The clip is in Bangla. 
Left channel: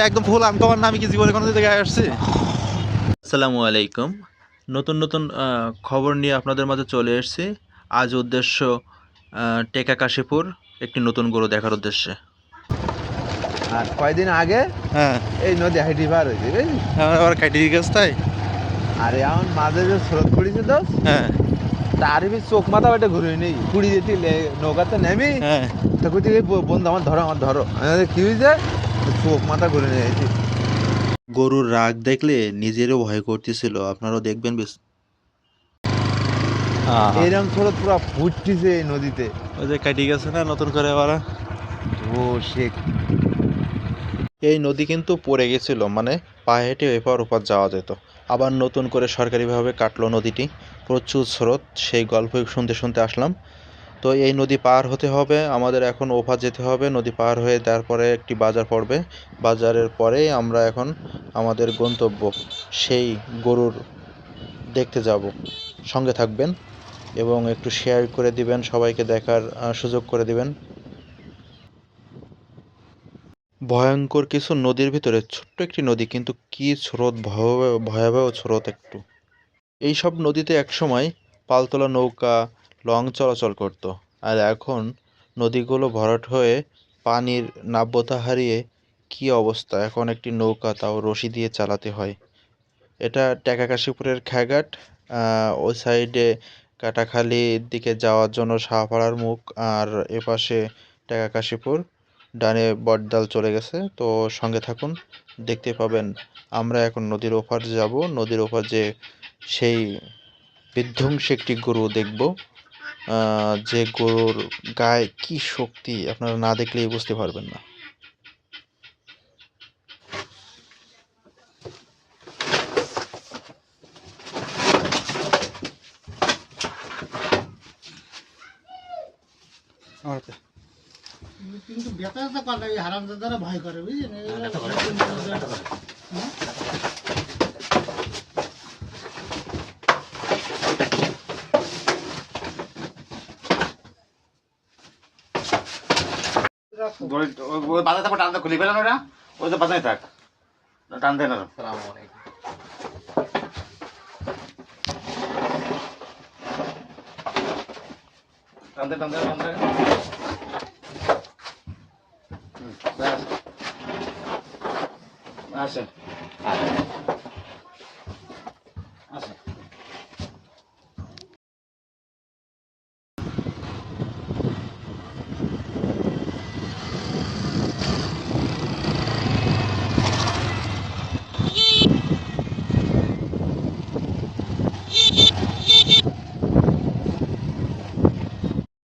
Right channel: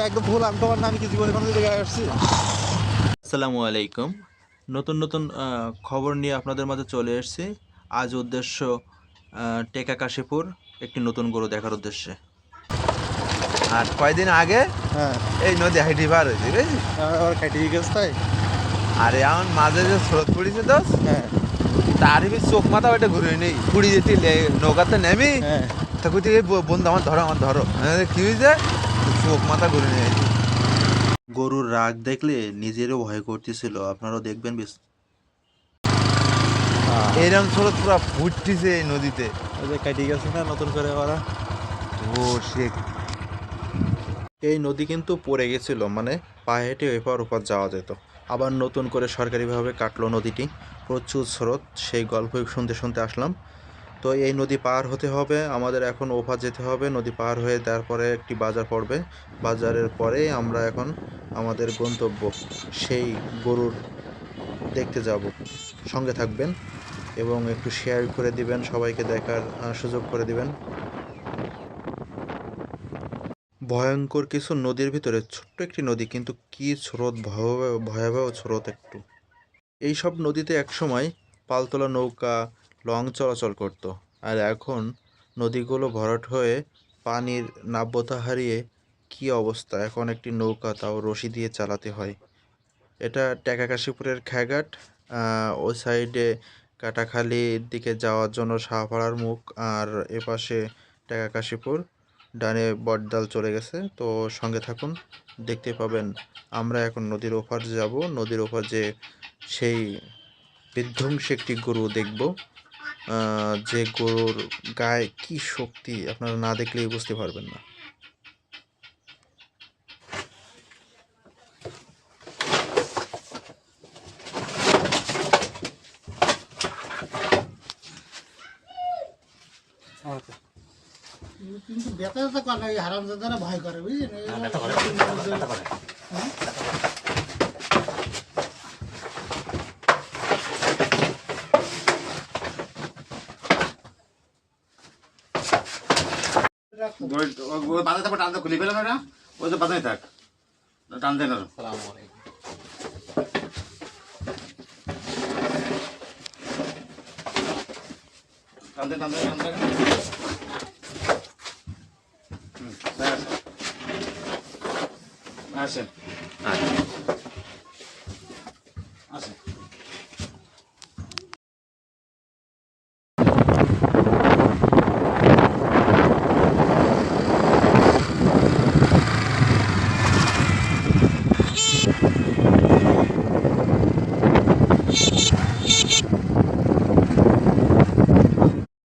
একদম ফুল আনকমন না, আমি কি জীবনে কোনো জায়গায় আসছি। আসসালামু আলাইকুম। নতুন নতুন খবর নিয়ে আপনাদের মাঝে চলে এসেছি। আজ উদ্দেশ্য টেকা কাশীপুর একটি নতুন গরু দেখার উদ্দেশ্যে। আর কয়দিন আগে হ্যাঁ, এই নদী হাইটি পার হয়েছে বুঝলি। আমার আবার কাটিয়ে গেছে তাই। আর এমন মাঝে যে স্রোত পড়েছে তো হ্যাঁ তারই চোখ মাথা ওইটা ঘুরে নেই পুড়ি যেতে নৌকাতে নেমি হ্যাঁ, তখন তুই বন্ধু আমার ধরো কি হয়েছে চোখ মাথা ঘুরে নিয়ে যাইছি। গরুর রাগ দেখলে নিজেরও ভয় করতেছিল, আপনারাও দেখবেন বেশ। এইরকম স্রোত পুরো ফুটতেছে এই নদীতে। ওই যে কাটিয়ে গেছে না নতুন করে আবার। ও সে এই নদী কিন্তু পড়ে গেছিল, মানে পায়ে হেঁটে এপার ওপার যাওয়া যেত। আবার নতুন করে সরকারিভাবে কাটলো নদীটি। প্রচুর স্রোত, সেই গল্পই শুনতে শুনতে আসলাম। তো এই নদী পার হতে হবে আমাদের, এখন ওপার যেতে হবে। নদী পার হয়ে তারপরে একটি বাজার পড়বে, বাজারের পরেই আমরা এখন আমাদের গন্তব্য সেই গরুর দেখতে যাব। সঙ্গে থাকবেন এবং একটু শেয়ার করে দিবেন, সবাইকে দেখার সুযোগ করে দিবেন। ভয়ঙ্কর কিছু নদীর ভিতরে ছোট্ট একটি নদী, কিন্তু কি স্রোত, ভয়াবহ ভয়াবহ স্রোত একটু। এইসব নদীতে একসময় পালতোলা নৌকা, লঞ্চ চলাচল করতো। আর এখন নদীগুলো ভরাট হয়ে পানির নাব্যতা হারিয়ে কী অবস্থা! এখন একটি নৌকা, তাও রশি দিয়ে চালাতে হয়। এটা টেকাকাশীপুরের খেয়াঘাট। ওই সাইডে কাটাখালীর দিকে যাওয়ার জন্য শাহপাড়ার মুখ, আর এপাশে টেকাকাশীপুর। ডানে বটডাল চলে গেছে। তো সঙ্গে থাকুন, দেখতে পাবেন। আমরা এখন নদীর ওপার যাব। নদীর ওপার যে সেই বিধ্বংসী একটি গরু দেখব, যে গরুর গায়ে কি শক্তি, আপনারা না দেখলেই বুঝতে পারবেন না। কিন্তু ব্যথা তো করে ওই হারামজাদারা ভয় করে বুঝলি ওই বাজার তারপর টানতে খুলে পেলেন ওটা, ওই যে বাজারে থাক টানতে না। টানতে টানতে টানতে আসেন।